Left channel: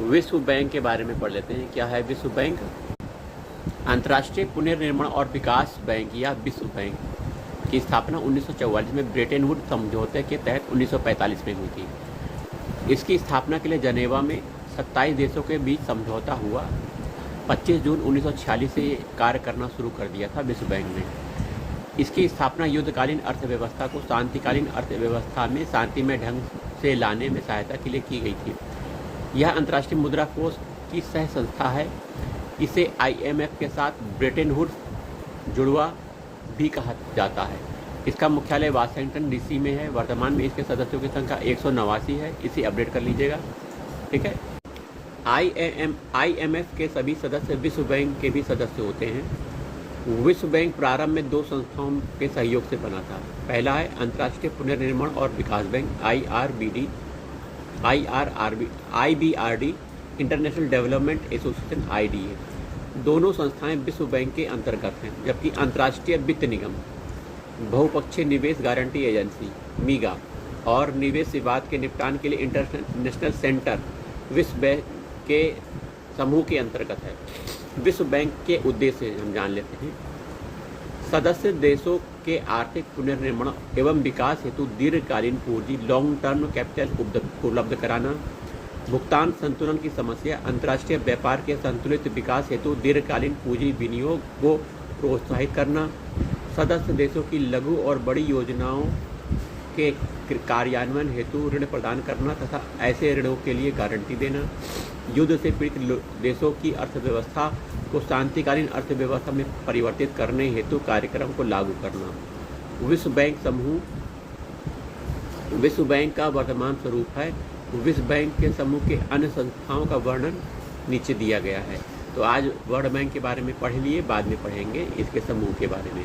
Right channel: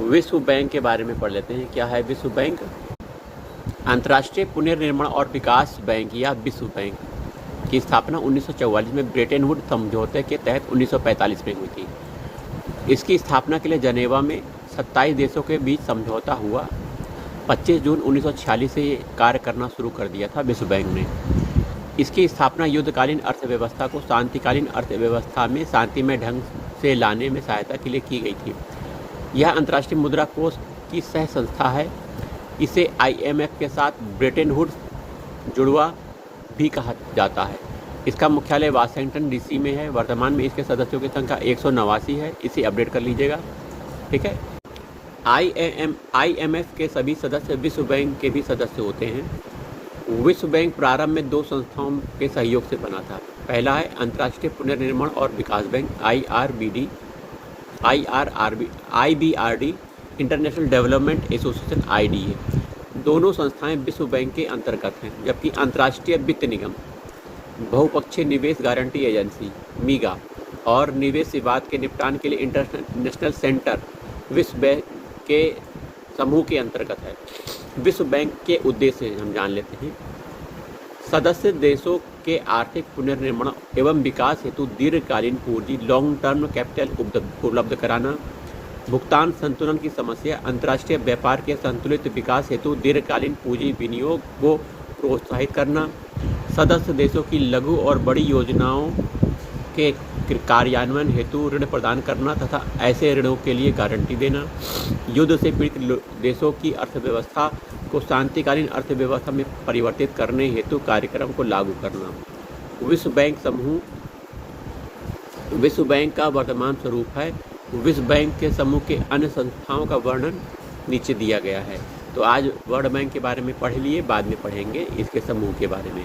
विश्व बैंक के बारे में पढ़ लेते हैं। क्या है विश्व बैंक? अंतर्राष्ट्रीय पुनर्निर्माण और विकास बैंक या विश्व बैंक की स्थापना 1944 में ब्रेटन वुड समझौते के तहत 1945 में हुई थी। इसकी स्थापना के लिए जनेवा में 27 देशों के बीच समझौता हुआ। 25 जून 1946 से ये कार्य करना शुरू कर दिया था विश्व बैंक ने। इसकी स्थापना युद्धकालीन अर्थव्यवस्था को शांतिकालीन अर्थव्यवस्था में शांतिमय ढंग से लाने में सहायता के लिए की गई थी। यह अंतर्राष्ट्रीय मुद्रा कोष की सह संस्था है। इसे IMF के साथ ब्रेटन वुड्स जुड़वा भी कहा जाता है। इसका मुख्यालय वाशिंगटन DC में है। वर्तमान में इसके सदस्यों की संख्या 189 है। इसे अपडेट कर लीजिएगा, ठीक है। IMF के सभी सदस्य विश्व बैंक के भी सदस्य होते हैं। विश्व बैंक प्रारंभ में 2 संस्थाओं के सहयोग से बना था। पहला है अंतर्राष्ट्रीय पुनर्निर्माण और विकास bank IBRD, international development association IDA। दोनों संस्थाएं विश्व बैंक के अंतर्गत हैं, जबकि अंतर्राष्ट्रीय वित्त निगम, बहुपक्षीय निवेश गारंटी एजेंसी MIGA और निवेश विवाद के निपटान के लिए इंटरनेशनल सेंटर विश्व बैंक के समूह के अंतर्गत है। विश्व बैंक के उद्देश्य हम जान लेते हैं। सदस्य देशों के आर्थिक पुनर्निर्माण एवं विकास हेतु दीर्घकालीन पूंजी लॉन्ग टर्म कैपिटल उपलब्ध कराना, भुगतान संतुलन की समस्या, अंतर्राष्ट्रीय व्यापार के संतुलित विकास हेतु दीर्घकालीन पूंजी विनियोग को प्रोत्साहित करना, सदस्य देशों की लघु और बड़ी योजनाओं के कार्यान्वयन हेतु ऋण प्रदान करना तथा ऐसे ऋणों के लिए गारंटी देना, युद्ध से पीड़ित देशों की अर्थव्यवस्था को शांतिकालीन अर्थव्यवस्था में परिवर्तित करने हेतु कार्यक्रम को लागू करना। विश्व बैंक का वर्तमान स्वरूप है। विश्व बैंक के समूह के अन्य संस्थाओं का वर्णन नीचे दिया गया है। तो आज वर्ल्ड बैंक के बारे में पढ़ लिए, बाद में पढ़ेंगे इसके समूह के बारे में।